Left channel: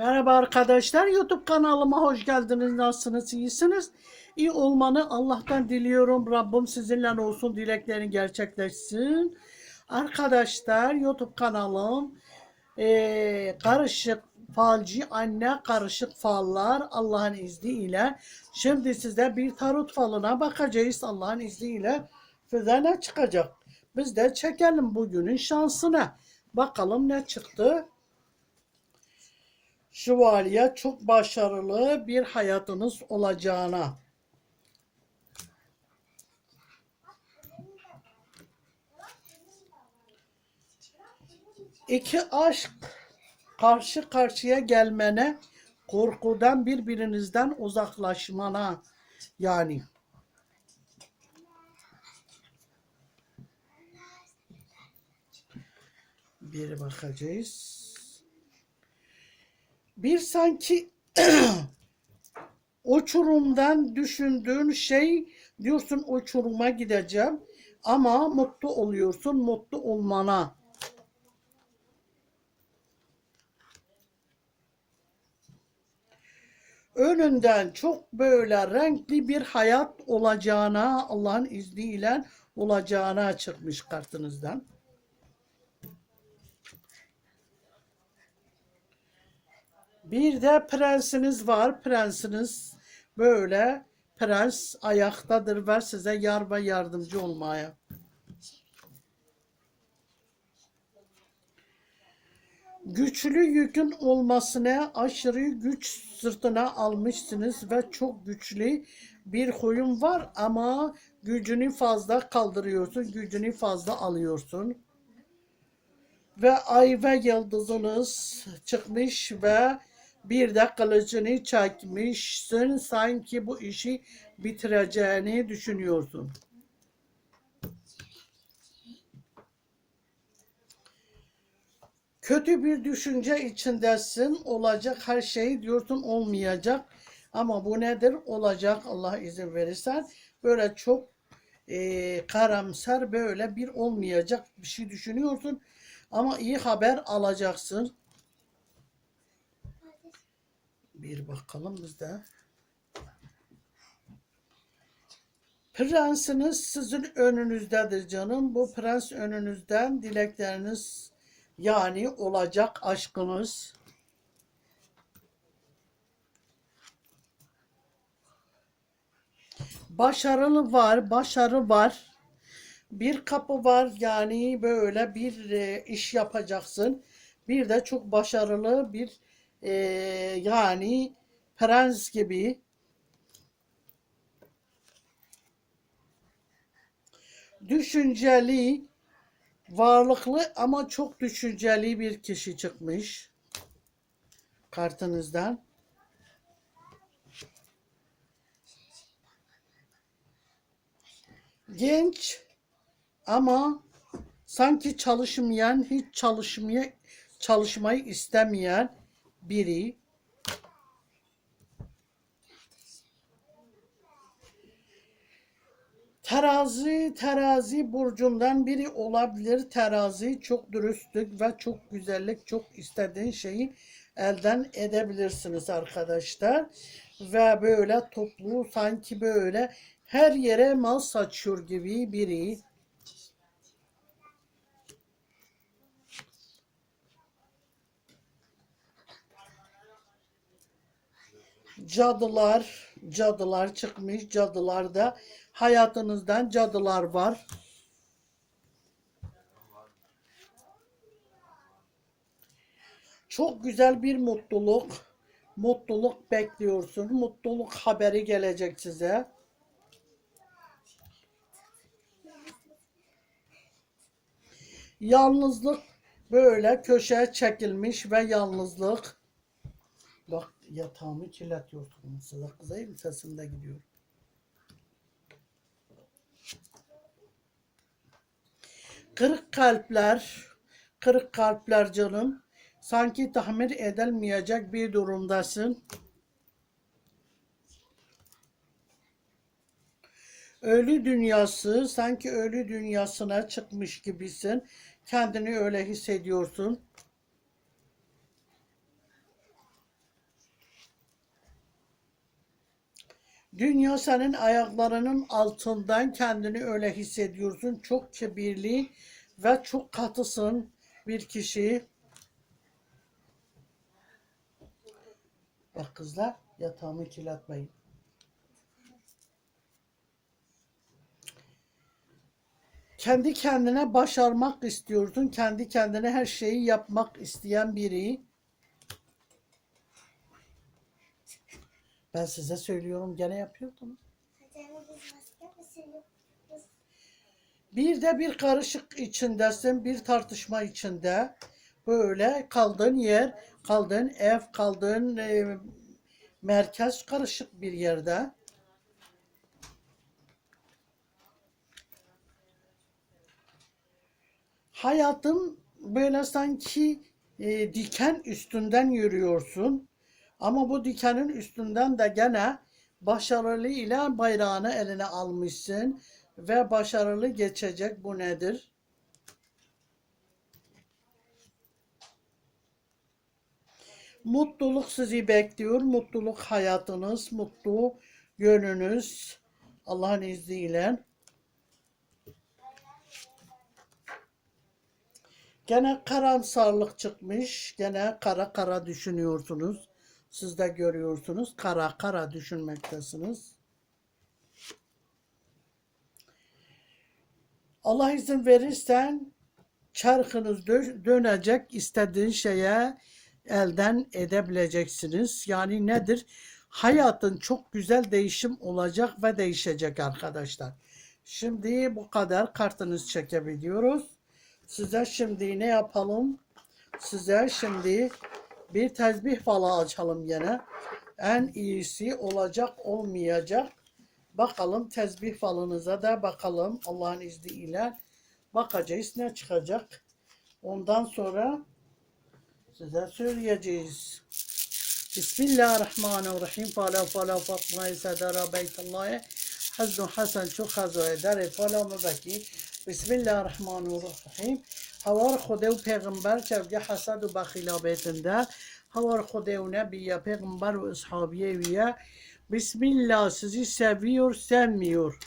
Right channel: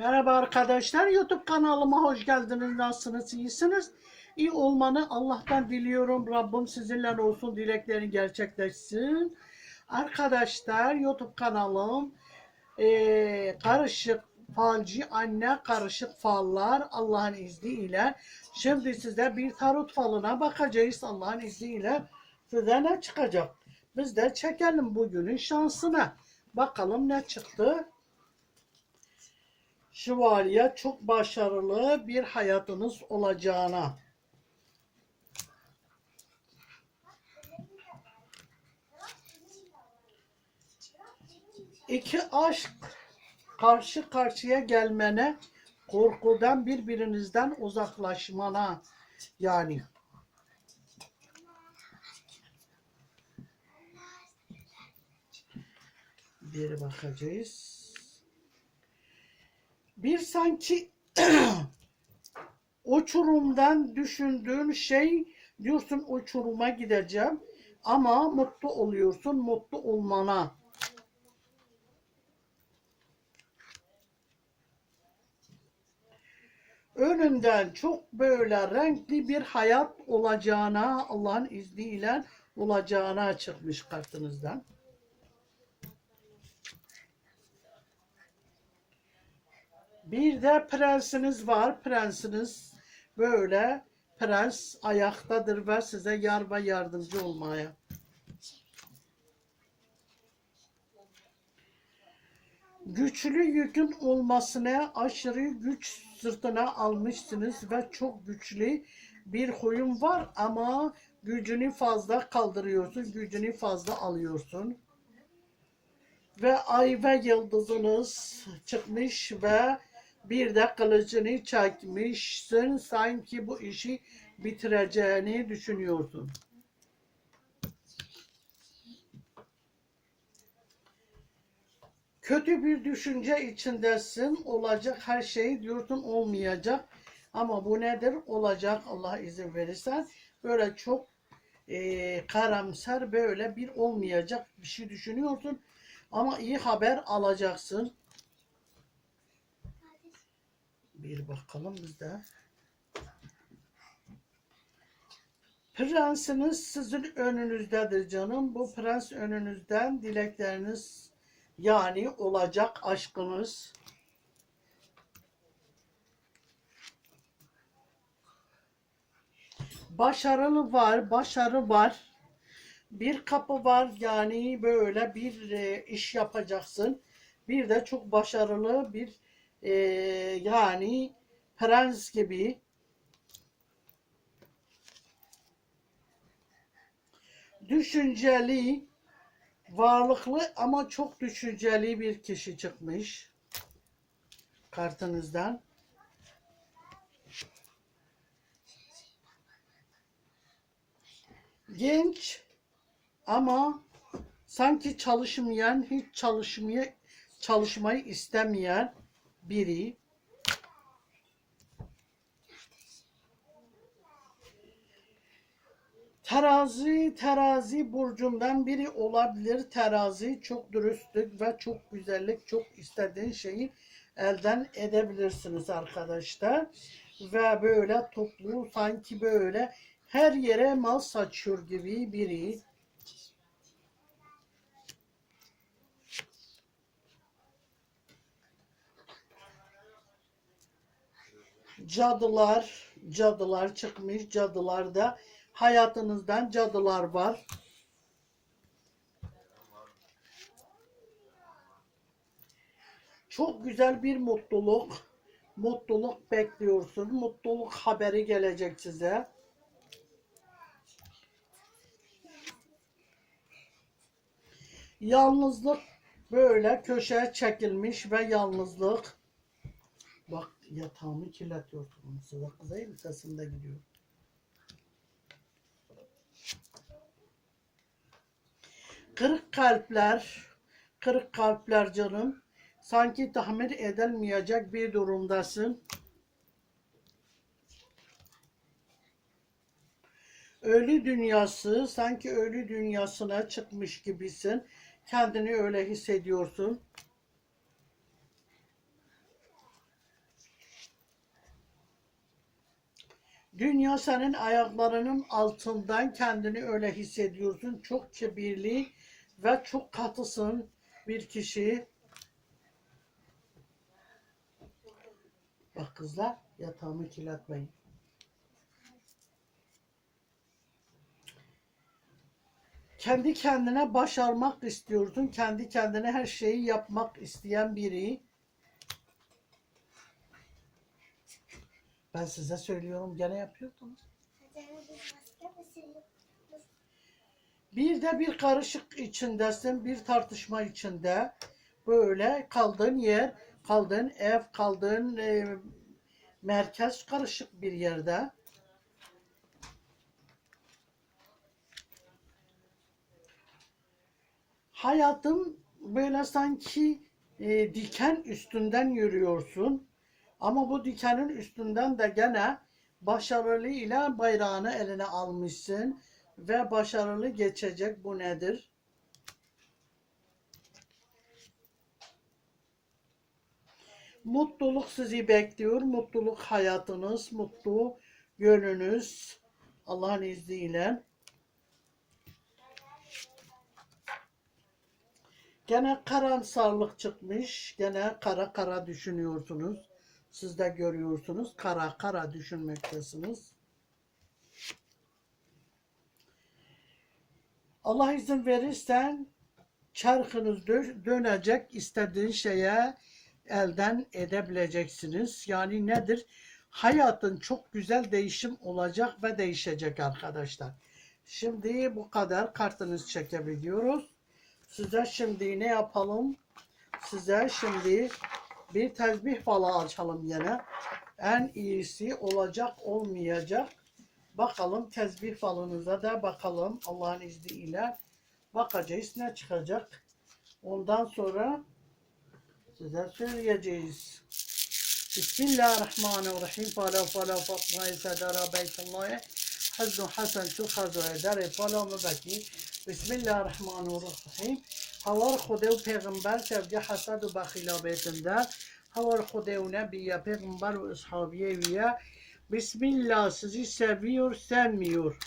Merhaba arkadaşlar. YouTube kanalıma hoş geldiniz. Nasılsınız? İyisiniz? İyi olmanı Allah'tan diliyorum. Rabbim sizinle olsun. Dileklerin gerçekleşsin. Arkadaşlar YouTube kanalım eee, karışık falcı anne karışık fallar Allah'ın izniyle. Şimdi size bir tarot falına bakacağız Allah'ın izniyle. Size ne çıkacak? Biz de çekelim bugünün şansına. Bakalım ne çıktı. Şövalye çok başarılı bir hayatınız olacağına. İki aşk karşı karşıya gelmene, korkudan birbirinizden uzaklaşmana yani. Bir bakacağız. Bir sanki uçurumdan düşündüğün şey diyorsun uçuruma gideceğim ama mutlu oluyorsun mutlu olmana. Önünden çok böyle renkli bir hayat olacağına Allah'ın izniyle olacağına çıkmış kartınızdan. Bir de prensiniz var. Prensiniz böyle prens ayaktadır ve size yar ve yardımcı olmaya. Güçlü yükün olmasına aşırı güç sırtına almışsınız ve çok güçlü bir huyun var ama gücünü fazla kaldırıyorsun, gücünü fazla alıyorsun ve ay ve yıldızınız çıkmış ve bir de kılıcını çekmişsin. Sanki bu işi bitireceğini düşünüyorsun. Kötü bir düşünce içindesin. Olacak her şey diyorsun olmayacak. Ama bu nedir? Olacak Allah izin verirsen. Böyle çok e, karamsar böyle bir olmayacak bir şey düşünüyorsun. Ama iyi haber alacaksın. Bir bakalım bizde. Prensiniz sizin önünüzdedir canım. Bu prens önünüzden dilekleriniz yani olacak aşkınız. Başarılı var, başarı var. Bir kapı var yani böyle bir e, iş yapacaksın. Bir de çok başarılı bir e, yani prens gibi düşünceli, varlıklı ama çok düşünceli bir kişi çıkmış kartınızdan. Genç ama sanki çalışmayan, hiç çalışmaya çalışmayı istemeyen biri. Terazi, terazi burcundan biri olabilir. Terazi çok dürüstlük ve çok güzellik, çok istediğin şeyi elden edebilirsiniz arkadaşlar. Ve böyle toplu sanki böyle her yere mal saçıyor gibi biri. Cadılar, cadılar çıkmış. Cadılarda hayatınızdan cadılar var. Çok güzel bir mutluluk, mutluluk bekliyorsun. Mutluluk haberi gelecek size. Yalnızlık böyle köşeye çekilmiş ve yalnızlık. Bak yatağımı kirletiyorsun. Size kızayım sesimde gidiyor. Kırık kalpler, kırık kalpler canım. Sanki tahmin edilmeyecek bir durumdasın. Ölü dünyası, sanki ölü dünyasına çıkmış gibisin. Kendini öyle hissediyorsun. Dünya senin ayaklarının altından kendini öyle hissediyorsun. Çok kibirli ve çok katısın bir kişi. Bak kızlar yatağımı kirletmeyin. Kendi kendine başarmak istiyorsun. Kendi kendine her şeyi yapmak isteyen biri. Ben size söylüyorum gene yapıyordunuz. Bir de bir karışık içindesin, bir tartışma içinde. Böyle kaldığın yer, kaldığın ev, kaldığın e, merkez karışık bir yerde. Hayatım böyle sanki e, diken üstünden yürüyorsun. Ama bu dikenin üstünden de gene başarılı ile bayrağını eline almışsın ve başarılı geçecek. Bu nedir? Mutluluk sizi bekliyor. Mutluluk hayatınız, mutlu yönünüz Allah'ın izniyle. Gene karamsarlık çıkmış. Gene kara kara düşünüyorsunuz. Siz de görüyorsunuz. Kara kara düşünmektesiniz. Allah izin verirsen çarkınız dö- dönecek istediğin şeye elden edebileceksiniz. Yani nedir? Hayatın çok güzel değişim olacak ve değişecek arkadaşlar. Şimdi bu kadar kartınız çekebiliyoruz. Size şimdi ne yapalım? Size şimdi bir tesbih falı açalım yine. En iyisi olacak olmayacak. Bakalım tesbih falınıza da bakalım Allah'ın izniyle. Bakacağız ne çıkacak. Ondan sonra size söyleyeceğiz. Bismillahirrahmanirrahim. Fala fala Fatma'yı sedara beytullahı. حزن حسن شو خزای در پالا مبکی بسم الله الرحمن الرحیم هوار خوده و پیغمبر چوگه حسد و بخیلا بیتنده هوار خوده و نبیه پیغمبر و اصحابیه ویه بسم الله sizi seviyor sevmiyor.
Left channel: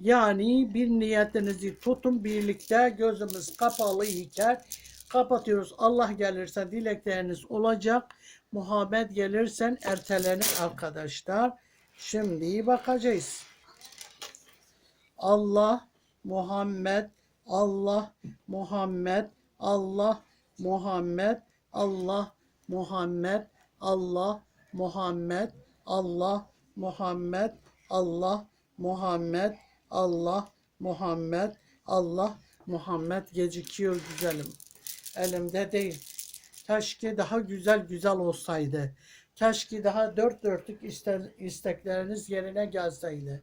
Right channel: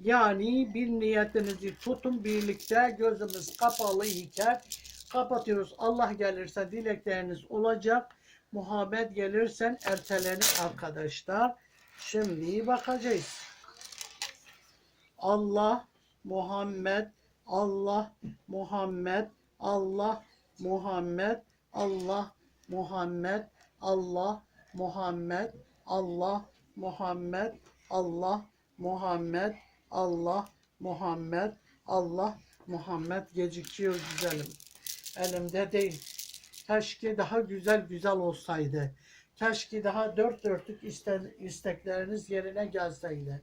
Yani bir niyetinizi tutun birlikte gözümüz kapalı iken kapatıyoruz. Allah gelirse dilekleriniz olacak. Muhabbet gelirsen ertelenir arkadaşlar. Şimdi bakacağız. Allah, Muhammed, Allah, Muhammed, Allah, Muhammed, Allah, Muhammed, Allah, Muhammed, Allah, Muhammed, Allah, Muhammed, Allah, Muhammed, Allah, Muhammed gecikiyor güzelim. Elimde değil. Keşke daha güzel güzel olsaydı. Keşke daha dört dörtlük iste- istekleriniz yerine gelseydi.